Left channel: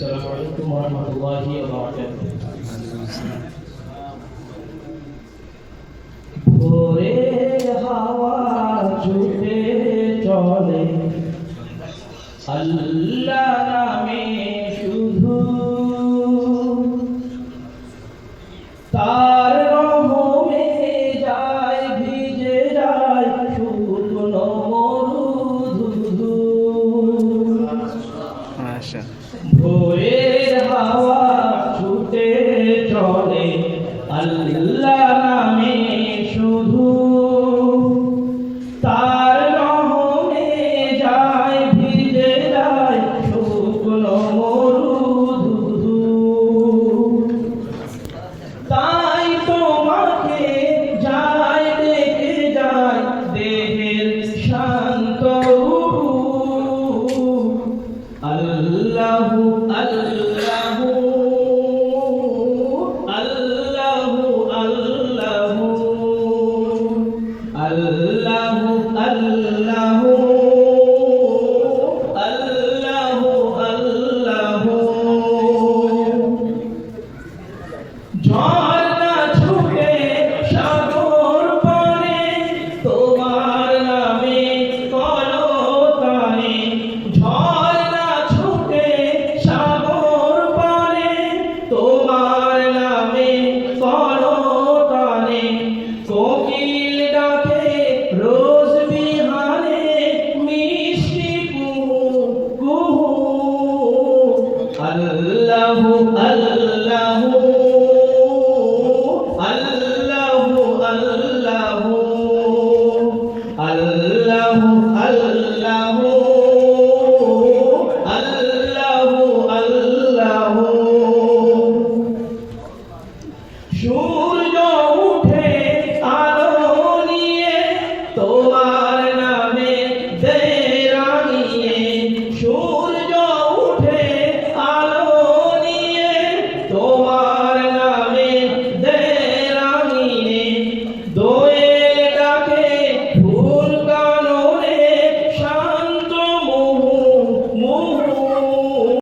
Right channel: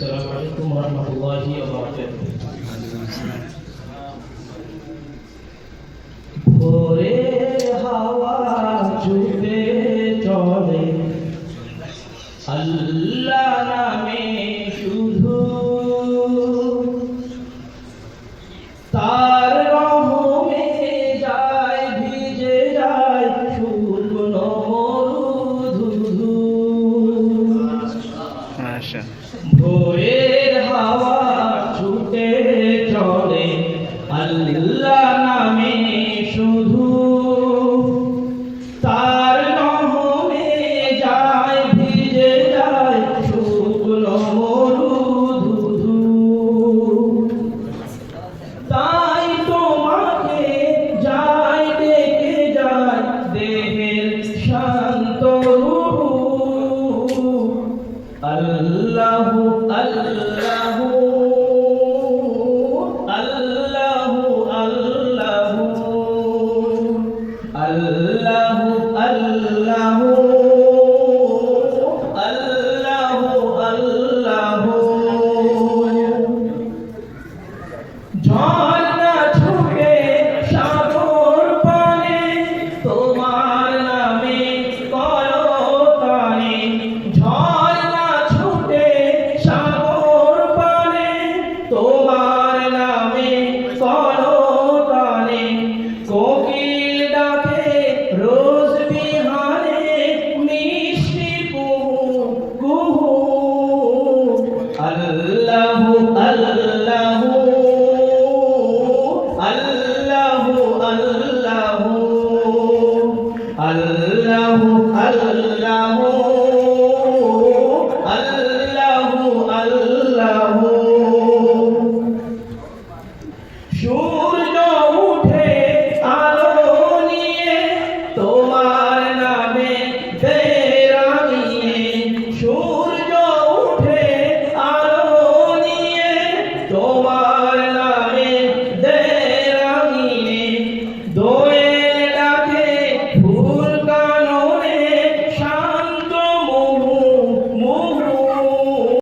السلام عليكم ورحمة الله وبركاته ভোরে হাওয়া চুপে চলে আল্লাহ নামে শুধু তার চলে আল্লাহ নামে শুধু amor.